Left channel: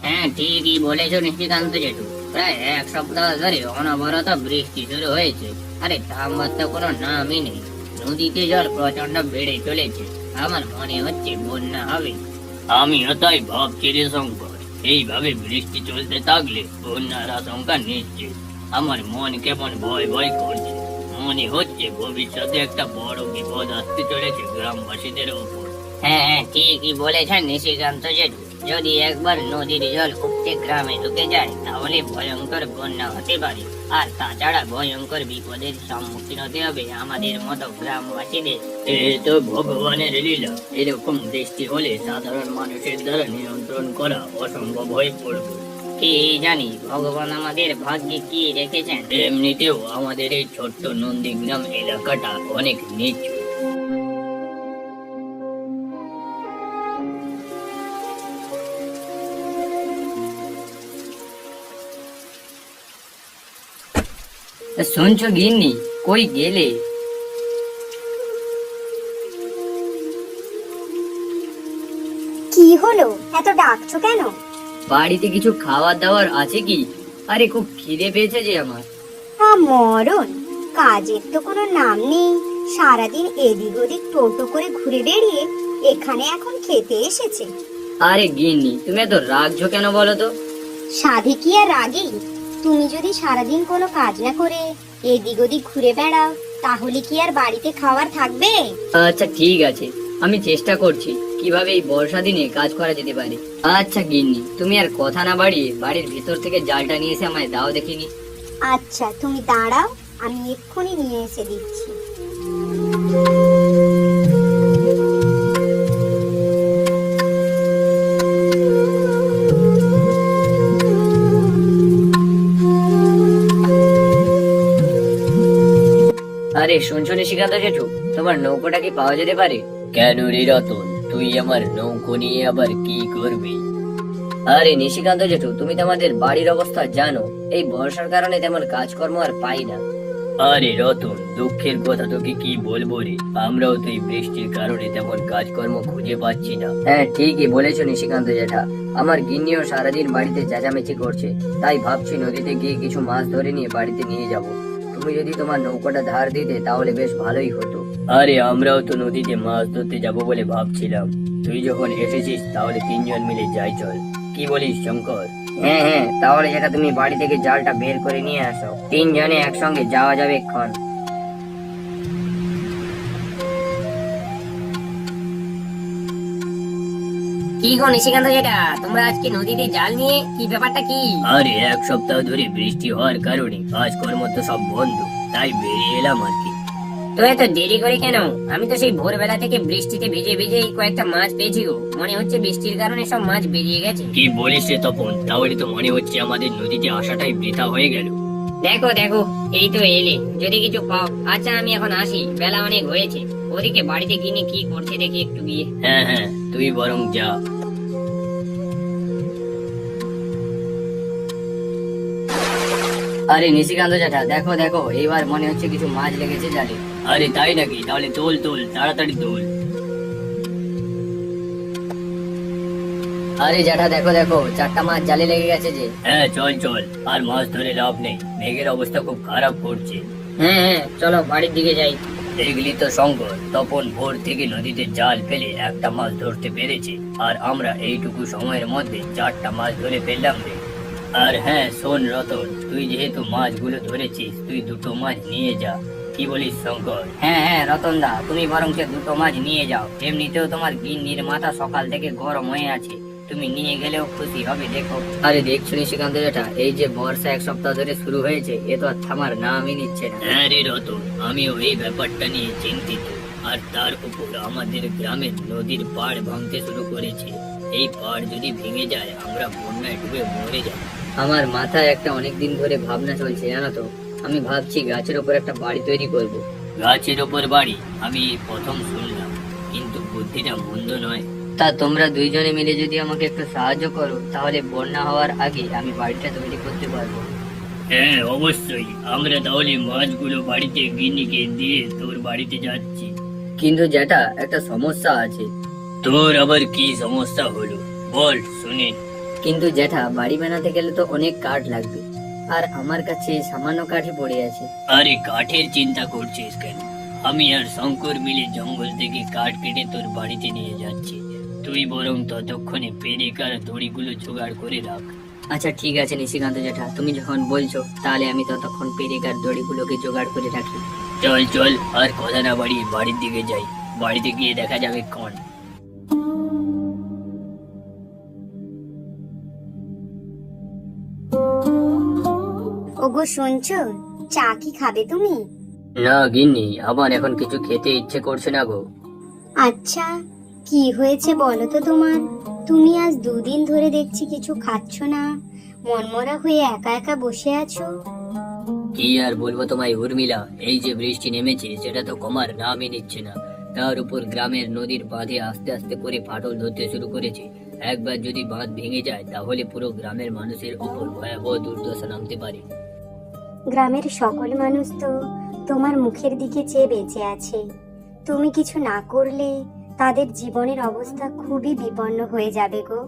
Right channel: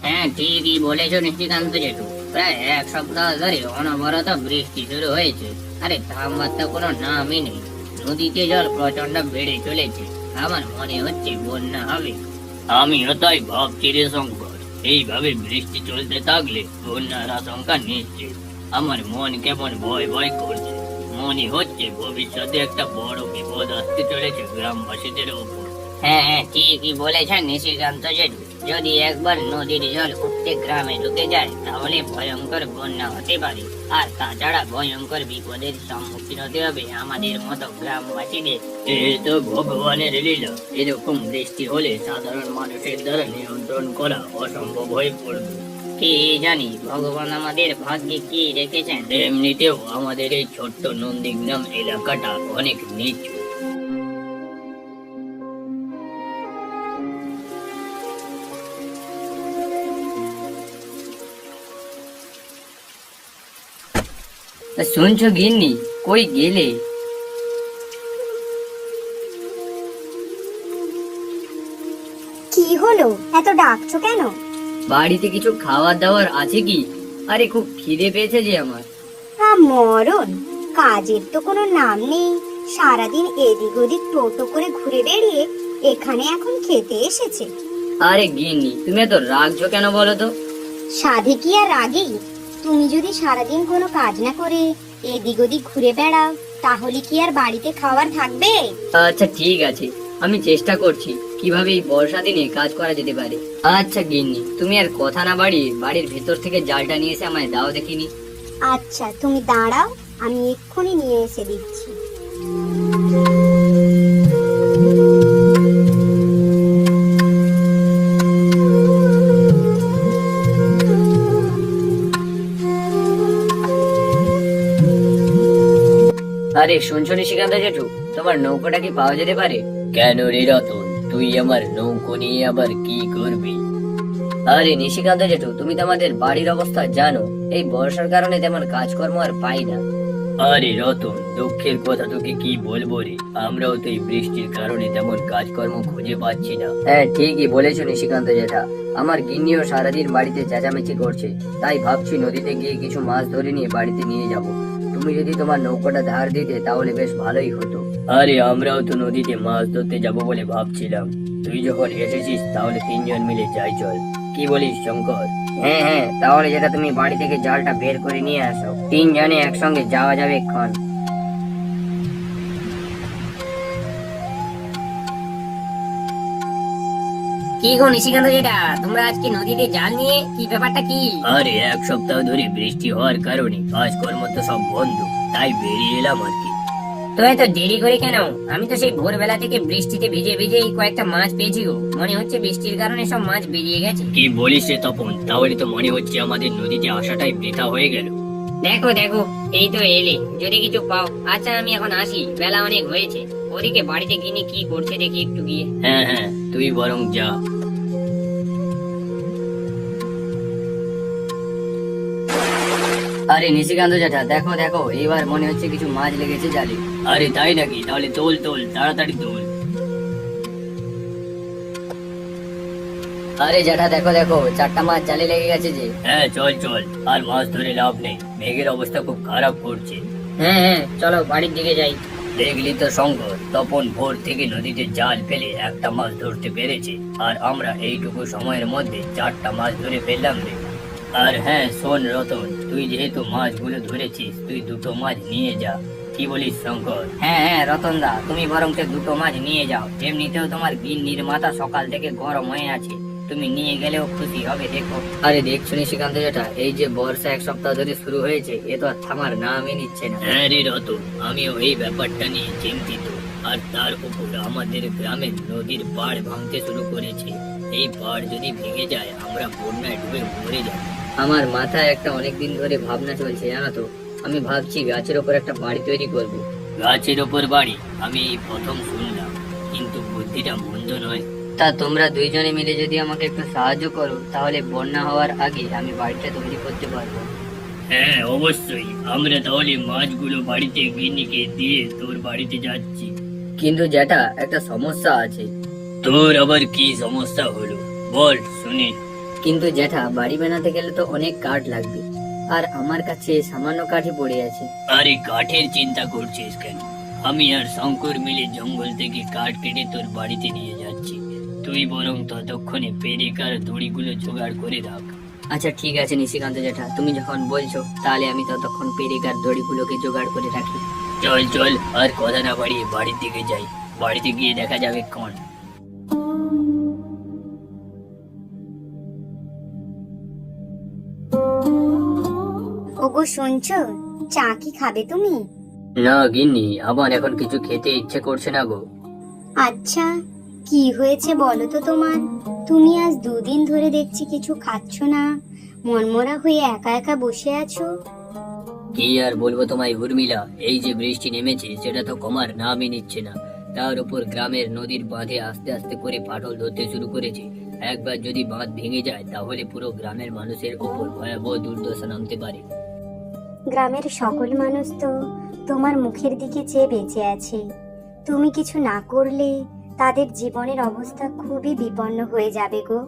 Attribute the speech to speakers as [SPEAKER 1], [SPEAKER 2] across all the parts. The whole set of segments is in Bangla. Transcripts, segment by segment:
[SPEAKER 1] হ্যাঁ, ঠিকই বলেছো নিশিকান্ত জেঠু। প্রায় এক সপ্তাহ ধরে অনবরত বৃষ্টি শুরু হয়েছে। আরে থামবার কোনো নামই নেই। নদীতে জল প্রচন্ড বেড়ে চলেছে। আমার মনে হচ্ছে বন্যা হবে। আমিও তাই ভাবছি রে শঙ্কর। এইভাবে বৃষ্টি চলতে থাকলে বন্যার আশঙ্কা নিশ্চিত। আমার মন কেমন ভয় ভয় করছে। মনে হচ্ছে ভবিষ্যতে একটা বড় বিপদ আসতে চলেছে গ্রামবাসীদের উপর। হ্যাঁ হ্যাঁ, ঠিকই বলেছেন নিশিকান্ত জেঠু। যদি একবার নদীর জল উপচে গ্রামে ঢুকে যায় তাহলে ভয়ঙ্কর বন্যা হতে পারে। আর তাছাড়া ভয়ঙ্কর বিপদের সম্মুখীন হতে হবে আমাদের মতো গ্রামবাসীদের। এ তো ভগবানের লীলা। এরকম বৃষ্টি হলে সাধারণ মানুষের দ্বারা নিয়ন্ত্রণ করা অসম্ভব হয়ে পড়বে। কি জানি ভগবান আমাদের ভাগ্যে কি রেখেছেন। এমনিতেও আমাদের এই ছোট্ট নন্দীগ্রাম এলাকাটা অনেক নিচু। শুনছো গিন্নি, কই গেলে?
[SPEAKER 2] কি হলো, এত ডাকছো কেন?
[SPEAKER 1] বাড়িতে কিছু খাবার দাবার আছে কি? আরে খুব খিদে পেয়েছে যে আমার।
[SPEAKER 2] মরণ, কাজের তো কোনো নাম নেই। সারাদিন এদিক ওদিক টোটো করে ঘুরে বেড়িয়ে এখানে এখন খেতে এসেছে।
[SPEAKER 1] আরে গিন্নি, তুমি এত রাগছো কেন বলো তো?
[SPEAKER 2] সাধে কি আর রাগি? তুমি যদি সারাদিন কোনো কাজ না করে এদিক ওদিক ঘুরে বেড়াও তাহলে কি আর বাড়িতে খাবার থাকবে?
[SPEAKER 1] আচ্ছা ঠিক আছে, আমি চেষ্টা করছি কিভাবে এই বর্ষা দিনে কাজ করা যেতে পারে। আচ্ছা গিন্নি, তুমি আর কথা না বাড়িয়ে বাড়ির ভেতর থেকে জালটা নিয়ে এসে আমায় দাও দেখিনি।
[SPEAKER 2] আচ্ছা তুমি দাঁড়াও, আমি এক্ষুনি নিয়ে এসে দিচ্ছি।
[SPEAKER 1] আরে শুনছো নিশিকান্ত জেঠু, তোমার নৌকোটা কি পাওয়া যেতে পারে? কেন রে রতন, তুই আমার নৌকো নিয়ে আবার কি করবি? আরে নিশিকান্ত জেঠু, তুমি তো আমাদের বাড়ির অবস্থা জানো। এই বর্ষার কারণে তেমন কাজকর্ম আর পাই না। আরে রতন, দুঃখের কথা তোকে কি বলবো রে, আমরাও তো এই বৃষ্টির কারণে তেমন কাজকর্ম খুঁজে পাচ্ছি না। হ্যাঁ ঠিকই বলেছো নিশিকান্ত জেঠা। আমার গিন্নিও সারাদিন বাড়িতে চেঁচামেচি করছে। তাই ভাবছি নদীতে গিয়ে কিছু মাছ ধরে নিয়ে বাড়িতে নিয়ে যাব। তুমি যদি তোমার নৌকাটা ধার দিতে তাহলে বেশ ভালোই হতো। আরে আমরাও তো নদীতে মাছ ধরতে যাব বলে ভাবছিলাম। তুই যখন এসেছিস তাহলে তিনজন মিলে যাই চল। কি বলিস শঙ্কর? হ্যাঁ হ্যাঁ, তাহলে যেটা তুমি বাড়ি থেকে জালটা বের করে নিয়ে আসো, তিনজনে একসঙ্গে যাওয়া যাবে এক্ষণ। কি গো নিশিকান্ত জেঠা, তোমরা আজকে নদীতে জাল নিয়ে কি ব্যাপারটা কি? আরে এক সপ্তাহ ধরে বৃষ্টি হওয়ার কারণে কাজকর্ম তো সব বন্ধ, তাই বেরিয়ে এলাম আর কি। তো এত দেরি করে কেন? আমি তো সেই ভোরবেলা থেকে বৃষ্টিতে ভিজে ভিজে এই কয়েকটা মাছ পেয়েছি গো। মনে হচ্ছে বৃষ্টির কারণে সব মাছ বেরিয়ে গেছে। কি বলিস রে তপন, তাহলে তো মনে হচ্ছে আমাদের নদীতে আসাটাই বৃথা হয়ে গেল। দেখো দেখো, এই তো এলে, যদি কিছু পাও। আচ্ছা আমি এখন আসি, বেলা অনেক হয়েছে। ওদিকে বাড়িতে গিয়ে কি করছে দেখি একটু গিয়ে। হ্যাঁ হ্যাঁ, তুই বরং যা। আরে নিশিকান্ত জ্যাঠা, দেখো দেখো, এবার মনে হচ্ছে কিছু মাছ লেগেছে জালে। আরে তাই নাকি? তাহলে তোল তোল, তাড়াতাড়ি তোল। আরে জ্যাঠা দেখো দেখো, চারটা মাছ জালে লেগে গেছে যে। হ্যাঁ চল চল, আর মাছ ধরে লাভ নেই, মেঘের অবস্থা খুব খারাপ করছে। হ্যাঁ হ্যাঁ, চলো বাড়ির দিকে যাই। দেখলি তো শঙ্কর, তপন ভোর থেকে নদীতে জাল ফেলে একটা মাছ ধরতে পেরেছে, আর আমরা এইটুকু সময়ের মধ্যে চারটা মাছ ধরে ফেললাম রে। আর হ্যাঁ শোন রতন, তুই যেহেতু মাছগুলো ধরেছিস, তুই দুটো মাছ নিয়ে যা। কি বলিস শঙ্কর? হ্যাঁ হ্যাঁ রতন দা, তুমি বরং দুটো মাছ নিয়ে যাও। এমনিতেও তোমার গিন্নির মাথা সকাল থেকে গরম হয়ে আছে, তুমি নিয়ে গেলেও খুশি হবে। দেখো, আরে দেখছো নিশিকান্ত জ্যাঠা, এই যে বর্ষা এক সপ্তাহ ধরে শুরু হয়েছে, এ তো আর থামার নামই নিচ্ছে না। হ্যাঁ রে রতন, আমিও এই ব্যাপারটা নিয়ে চিন্তিত। আর তার উপর আমাদের গ্রামের নদীর পাড় ভাঙতে শুরু করেছে। এই পাড় যদি ভেঙে যায়, আমরা বন্যায় ডুবে মরে যাব। আমার মাথায় একটা অনেকদিন ধরে ভাবনা চলছে জানো তো। আমি ভাবছি গাছের ওপর একটা বাড়ি তৈরি করব। গাছের ওপর বাড়ি? আমি প্রথম শুনলাম, কিন্তু বুদ্ধিটা মন্দ নয়। তা তোমরা দুইজনে মিলে যদি আমাকে একটু সাহায্য করো, তাহলে বন্যা হওয়ার আগে আমি বাড়িটা তৈরি করতে পারবো। হ্যাঁ অবশ্যই, আমরা তাহলে মাছগুলো বাড়িতে গিন্নিকে দিয়ে তোর বাড়িতে যাচ্ছি। কিন্তু যেটা একটা সমস্যা আছে। তোর আবার কি সমস্যা হলো, বল শুনি। কিন্তু জ্যাঠা বাড়ি বানাতে গেলে তো অনেক কাঠ লাগবে, আর আমার কাছে সামান্য কাঠই পড়ে আছে। আরে কাঠের চিন্তা করছিস কেন? আমি আর শঙ্কর মিলে জঙ্গল থেকে কাঠ কেটে তোর বাড়িতে নিয়ে যাচ্ছি। তুই বরং ততক্ষণে পেরেকার দড়িগুলো জোগাড় করে রাখ। আচ্ছা ঠিক আছে নিশিকান্ত জ্যাঠা, তুমি যখন বলছো তাহলে আমি ততক্ষণ পেরেকার দড়িগুলোকে জোগাড় করে রাখি। চল চল, আর কথা না বাড়িয়ে বাড়ির দিকে যাই, বাড়িতে গিয়ে দেখা যাবে কোন।
[SPEAKER 2] ওগো শুনছো, চা কি খাবে তুমি?
[SPEAKER 1] না গিন্নি, আমার এখন কিছু খেতে ইচ্ছে করছে না গো।
[SPEAKER 2] আচ্ছা, কি হয়েছে বলো তো তোমার? তুমি আজ 2 দিন ধরে দেখছি কিছু খাচ্ছ না, মনমরা হয়ে একা একা বসে আছো।
[SPEAKER 1] কি আর বলবো তোমায় উর্মিলা, এই যে বৃষ্টি নেমেছে সেটা তো কমার নামই নিচ্ছে না। তার উপর গ্রামের নদীর বাঁধে আস্তে আস্তে করে ফাটল ধরতে শুরু করেছে। একবার যদি বাঁধ ভেঙে যায় তাহলে পুরো গ্রামের মানুষের উপর ভয়াবহ দুর্দশা নামতে পারে।
[SPEAKER 2] গ্রামের সকল মানুষ তো তোমার মুখের দিকে চেয়ে বেঁচে আছে। তুমি কিছু না করলে তাদের জীবনের অবস্থা খুবই বিপন্ন হয়ে যাবে গো।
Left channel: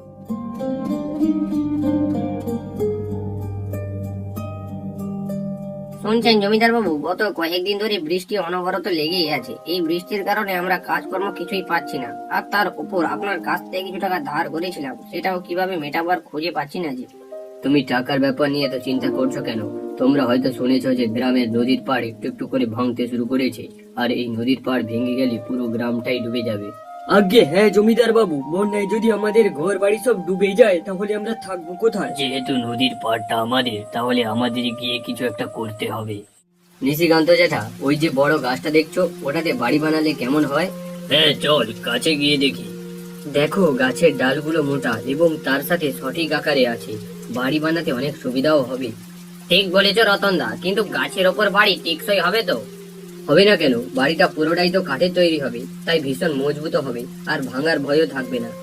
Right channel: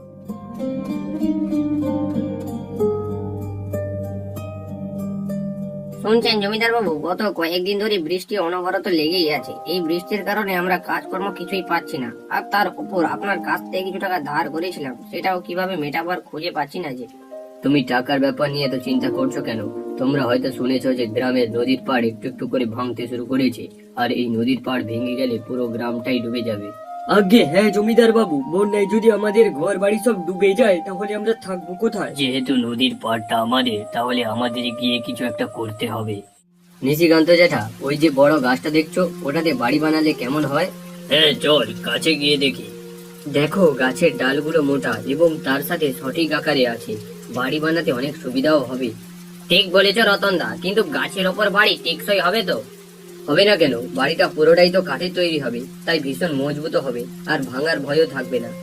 [SPEAKER 3] শুনছেন জমিদার বাবু, গত কয়েকদিন ধরে বৃষ্টি অনবরত লেগেই আছে। এই বৃষ্টির কারণে আমরা কাজকর্ম কিছুই পাচ্ছি না, আর তার উপর আপনার কাছ থেকে কিছু টাকা ধার করেছিলাম, সেটাও কিভাবে মেটাবার খুঁজে পাচ্ছি না যে।
[SPEAKER 1] তুমি টাকার ব্যাপার নিয়ে তো চিন্তা করছো কেন? তোমরা হয়তো শুনেছো যে গ্রামের নদীর পাড় একটু একটু করে ভাঙতে শুরু করেছে, আর এই নদীর পাড় ভেঙে গেলে পুরো গ্রামটাই ডুবে যাবে।
[SPEAKER 4] আগে হ্যাঁ জমিদার বাবু, বন্যায় যদি আমাদের ঘর বাড়ি সব ডুবে যায় তাহলে আমরা থাকবো কোথায়?
[SPEAKER 1] যেহেতু নদীর পাড়টা আমাদের, তাহলে আমাদের গিয়ে কিছু একটা করতে হবে। নিশিকান্ত জ্যাঠা, ওই যে বড় গাছটা দেখছো, ওটাতে বাড়ি বানালে কেমন হয়? হ্যাঁ চল কাছে গিয়ে দেখি। দেখো গাছের ডালগুলো মোটা এবং তার সাথে সঠিক আকারে আছে, বাড়ি বানাতে অনেক সুবিধাও হবে।
[SPEAKER 3] ঠিক বলেছ রতনদা, কিন্তু গাছের ওপর বাড়ি টেকসই হবে তো?
[SPEAKER 1] হবে না কেন, বাড়িটা পুরোটাই তো কাঠের তৈরি হবে, তাই ভীষণ মজবুত হবে, আর ভাঙার ভয়ও থাকবে না।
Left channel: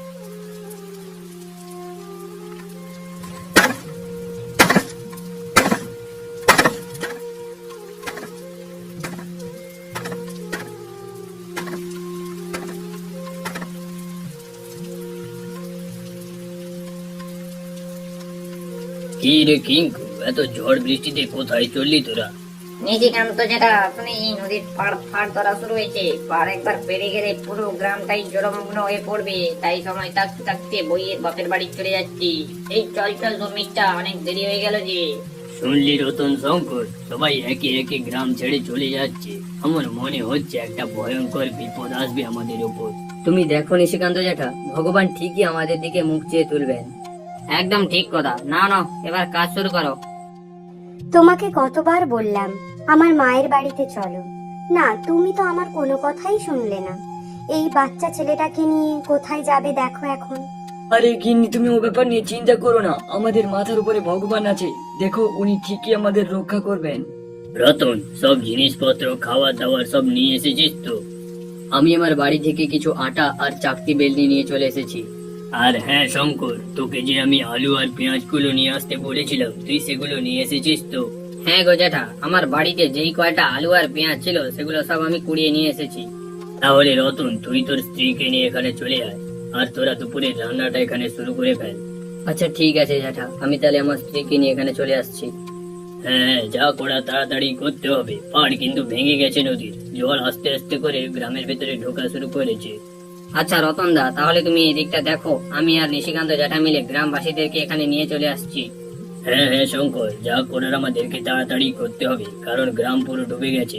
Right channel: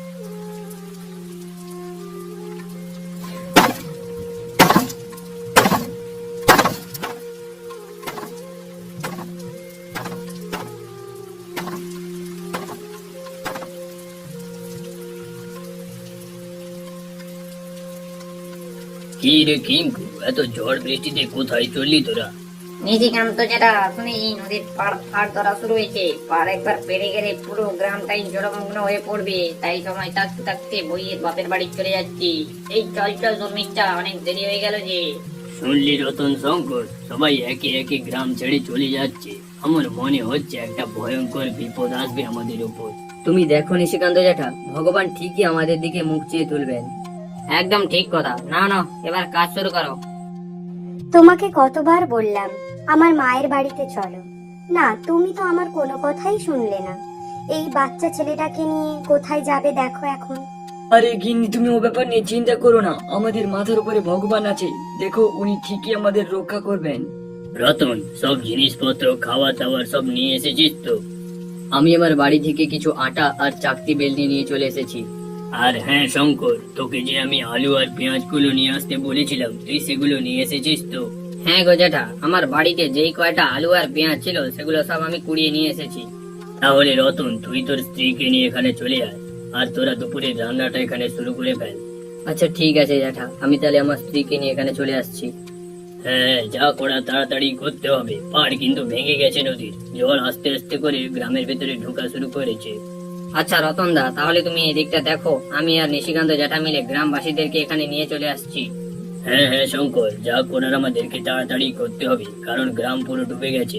[SPEAKER 1] কি রে কিঙ্কু, এত ঝড় বৃষ্টিতে কোথায় চললি তোরা?
[SPEAKER 3] নিশিকান্ত যেটা, আপনি এই নদীর পাড় ফাড় ধরা শুরু হয়েছে, পাড় একবার পেরে গেলে পুরো গ্রামটাই জলমগ্ন হয়ে পড়বে, তাই সময় থাকতে থাকতে বইয়ের বাপের বাড়ি চলে যাচ্ছি। এই চল চল জমিটা, অনেক দেরি হয়ে গেল যে।
[SPEAKER 1] শুনলি রতন শঙ্কর, সবাই একে একে গ্রাম ছেড়ে চলে যাচ্ছে। আমার মনে হচ্ছে একটা ভয়ঙ্কর বিপদ আসবে আমাদের উপর। তুমি দেখো নিশিকান্ত জ্যাঠা, ভগবান ঠিকই আমাদের দিকে মুখ চেয়ে তুলবেন।
[SPEAKER 3] একদম ঠিক কথা। নাও নাও, এবার কাজ শুরু করো।
[SPEAKER 2] তোমাকে কতবার বললাম আমার মায়ের বাড়িতে চলো, না তুমি তো আমার কোনো কথাই শুনলে না। এই বাচ্চা ছেলেটাকে নিয়ে কোথায় যাবে দেখো এখন।
[SPEAKER 4] আরে গিন্নি, তুমি ও ব্যাপার নিয়ে চিন্তা করো না, আমাদের মাথার উপরে ভগবান আছে, দেখো উনি ঠিকই আমাদের রক্ষা করবেন।
[SPEAKER 1] রতন, সব জিনিসপত্র খাওয়া দাওয়ার সব নিয়ে এসেছিস তো? আমি আমার বাড়ি থেকে কিছু আটা আর চাকতি বেলনি নিয়ে চলে এসেছি। আর হ্যাঁ শঙ্কর, তোকে যে আমি আলু আর পেঁয়াজ গুলো নিয়ে আসতে বলেছিলাম, তুই সেগুলো নিয়ে এসেছিস তো?
[SPEAKER 3] হ্যাঁ গো জ্যাঠা, আমার বাড়িতে যেই কয়টা আলু আর পেঁয়াজ ছিল সেগুলো সব আমি কুড়িয়ে নিয়ে এসেছি।
[SPEAKER 1] তাহলে রতন, তুই তোর স্ত্রীকে নিয়ে এখানে চলে আয়, আর তোরা দুপুরে রান্নাটা এখানে শুরু করে ফেল। আচ্ছা ঠিক আছে জ্যাঠা, আমি তাহলে আমার স্ত্রীকে নিয়ে এখানে চলে আসছি। হ্যাঁ, যা করা তাড়াতাড়ি করতে হবে, পাড় কিন্তু ভেঙে গেছে নদীর, জল আস্তে আস্তে করে গ্রামের ভেতরে ঢোকা শুরু করেছে।
[SPEAKER 3] আচ্ছা রতনদা, তাহলে তুমি এদিকটা দেখো, আমি আর নিশিকান্ত জ্যাঠা মিলে গ্রামবাসীদেরকে এখানে নিয়ে চলে আসছি।
[SPEAKER 1] হ্যাঁ হ্যাঁ শঙ্কর, যা করার আমাদেরকে তাড়াতাড়ি করতে হবে, কারণ গ্রাম পুরো ডুবে গেছে।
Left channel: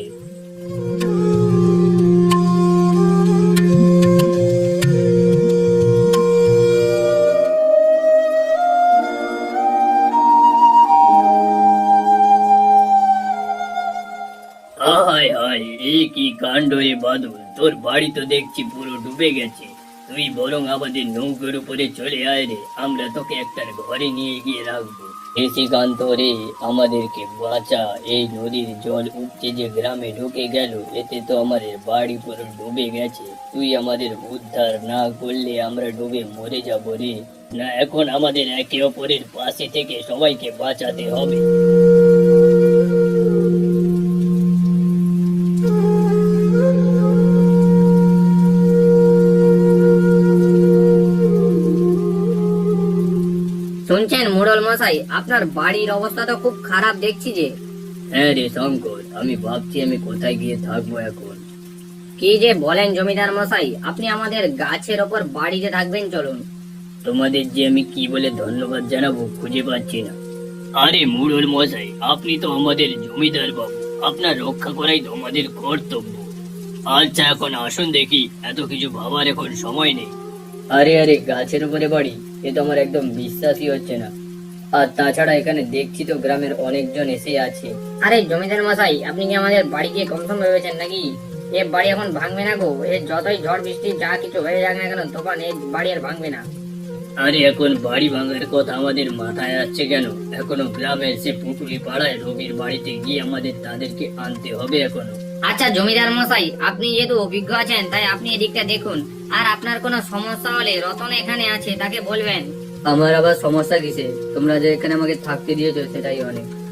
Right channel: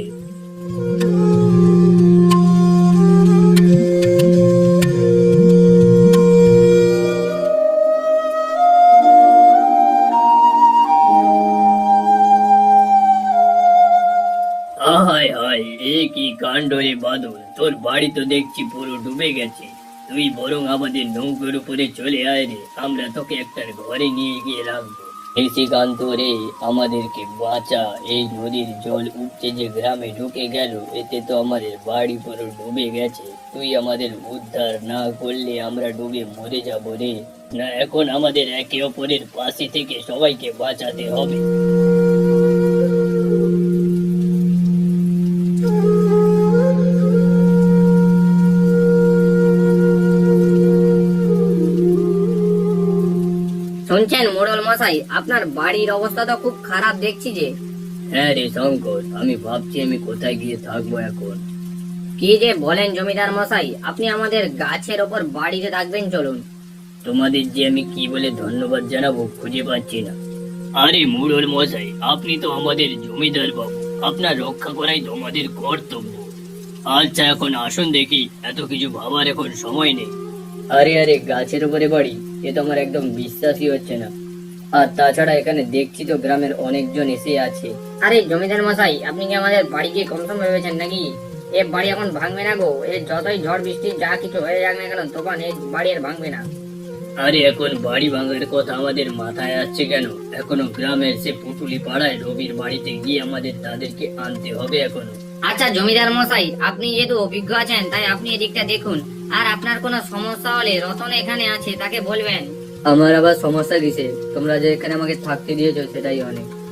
[SPEAKER 1] হায় হায়, এ কি কাণ্ড রে বাদল, তোর বাড়ি তো দেখছি পুরো ডুবে গেছে। তুই বরং আমাদের নৌকোর উপরে চলে আয় রে, আমরা তোকে একটা ঘরে নিয়ে গিয়ে রাখবো। নিশিকান্ত রে, আমাদেরকে বাঁচা, এই নদীর জল উপচে যে গ্রামে ঢুকে গেল, এতে তো আমাদের বাড়ি পুরো ডুবে গেছে। তুই আমাদের উদ্ধার না করলে আমরা ডুবে মরে যাবো রে। না, এখন আমাদের একে অপরের পাশে থেকে সবাইকে বাঁচাতে হবে।
[SPEAKER 3] শুনছেন মোড়ল মশাই, আপনার বাড়ির অবস্থা তো খুব খারাপ দেখছি যে।
[SPEAKER 1] হ্যাঁ রে শঙ্কর, আমি ভাবছি আমি কোথায় গিয়ে থাকবো এখন।
[SPEAKER 3] কি যে বলেন জমিদার মশাই, আপনি আমাদের গাছের ওপর বাড়িতে থাকবেন, চলুন।
[SPEAKER 1] তোমাদের যে আমি কি বলে ধন্যবাদ জানাবো খুঁজে পাচ্ছি না। আরে মুরল মশাই, আপনি তো আমাদের জমিদার বাবু, আপনার রক্ষা করাই তো আমাদের কর্তব্য। আচ্ছা এখন আসুন দেখি, এত কিছু ভাবার এখন সময় নেই। আরে আরে, গাছের উপরে বাড়ি, এ তো আমার একদম বিশ্বাসই হচ্ছে না। আর তাছাড়া এখানে দেখছি তো গ্রামের অনেকজন এসে আছে।
[SPEAKER 3] আরে জমিদার মশাই, আপনি কি আমাদের বাড়িকে কম সম ভেবেছেন নাকি? এ বাড়ি এখন ভাঙবে না গো, এ যতই ঝড় বৃষ্টি যা কিছু হয়ে যাক না কেন, তখন এই বাড়ি আর ভাঙবে না।
[SPEAKER 1] আরে এখন বাড়ি ভাঙার কথা আমাদের মাথায় আসছে কেন? এখনো গ্রামের সে পুটুলি পাড়ায় রবির বাড়িতে গিয়ে আমাদের তাদেরকে আনতে হবে এখনো।
[SPEAKER 3] আচ্ছা জমিদার মশাই, আপনি যেহেতু অভিজ্ঞ আছেন, তাই আপনি এদিকটা দেখুন। আর আপনার কোনো সমস্যা হলে রতন এখানে আছে, তাকে বলবেন।
[SPEAKER 1] আমার আবার সমস্যা কিসে? তোমরা যে এখানে আমাকে থাকতে দিয়েছো সেটাই অনেক।